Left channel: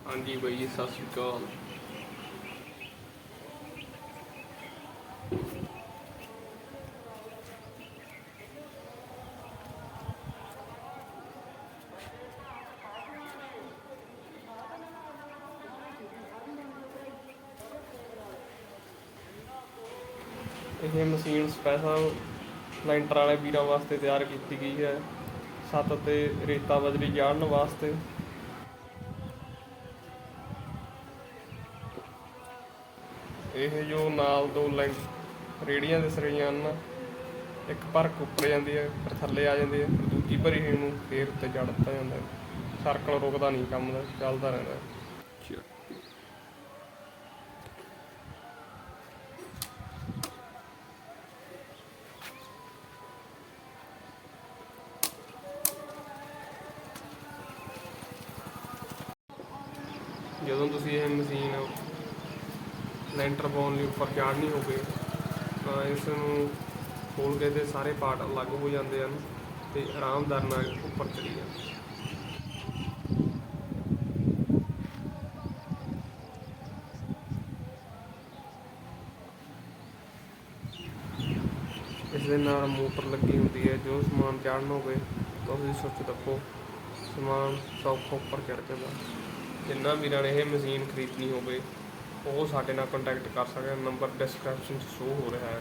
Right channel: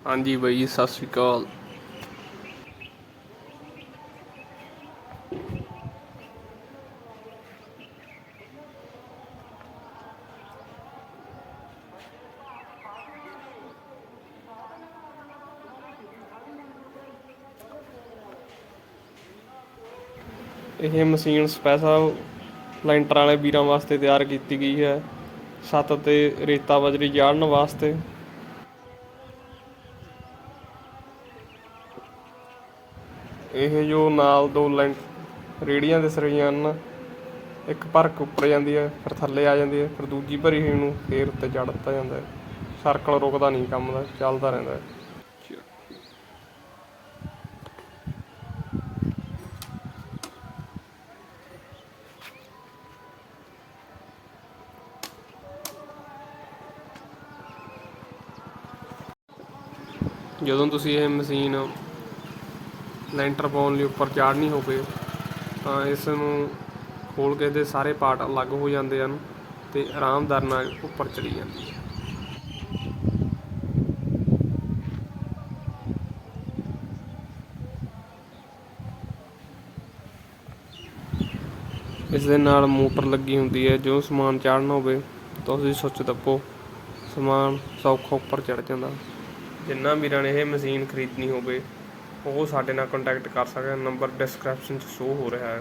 ਹਾਂਜੀ ਬਾਈ ਜੀ, ਸਤਿ ਸ਼੍ਰੀ ਅਕਾਲ। ਇਹ ਮਸ਼ੀਨ ਸਪੈਸ਼ਲ ਲੈਂਟਰ ਵਾਲੇ ਵੀਰਾਂ ਵਾਸਤੇ ਤਿਆਰ ਕੀਤੀ ਗਈ ਹੈ। ਛੱਤ ਤੇ ਰੇਤਾ ਬਜਰੀ ਜਾੜਨ ਵਾਸਤੇ। ਇਹ ਜੋ ਨਾਲ ਦੋ ਲੈਂਟ ਰੇੜੀਆਂ ਦਿਸ ਰਹੀਆਂ ਹਨ, ਇੱਕ ਭਰਕ ਉੱਪਰ ਜਾਂਦੀ ਹੈ, ਫਿਰ ਥੱਲੇ ਆ ਜਾਂਦੀ ਹੈ, ਫਿਰ ਦੂਜੀ ਭਰੀ ਹੋਈ ਨੂੰ ਫੇਰ ਉੱਤੇ ਚੜ੍ਹ ਦਿੱਤਾ ਜਾਂਦਾ ਹੈ। ਸਰਕਲ ਰੁਕਦਾ ਨਹੀਂ ਕੰਮ ਦਾ, ਚੱਲਦਾ ਰਹਿੰਦਾ ਹੈ। ਜਦੋਂ ਤੁਸੀਂ ਇਹ ਮਸ਼ੀਨ ਲੈਂਟਰ ਪਾਉਣ ਲਈ ਉੱਪਰ ਚਾੜਨੀ ਹੋਵੇ ਤਾਂ ਇਸ ਨੂੰ ਖੋਲ ਕੇ ਦੇ ਸਾਰੇ ਪਾਰਟ ਅਲੱਗ ਹੋ ਜਾਂਦੇ ਹਨ ਤੇ ਆਰਾਮਦਾਰ ਨਾਲ ਉੱਪਰ ਚੜੀ ਜਾਂਦੀ ਹੈ। ਇਸ ਦੇ ਨਾਲ ਮੋਟਰ ਲੱਗੀ ਹੁੰਦੀ ਹੈ, ਜੋ ਸਮਾਨ ਚਾੜਨਾ ਹੋਵੇ ਤਾਂ ਤੁਸੀਂ ਸੁੱਚ ਦੱਬੋ, ਸਮਾਨ ਸੌਖਾ ਉੱਪਰ ਚੜ ਜਾਂਦਾ ਜਿੰਨਾ ਵੀਰਾਂ ਨੇ ਇਹ ਮਸ਼ੀਨ ਖਰੀਦਣੀ ਹੋਵੇ ਉਹ ਸਾਡੇ ਨਾਲ ਕੰਟੈਕਟ ਕਰ ਸਕਦਾ ਨੰਬਰ ਡਿਸਕ੍ਰਿਪਸ਼ਨ 'ਚ ਸ਼ੋ ਹੋ ਰਿਹਾ ਹੈ।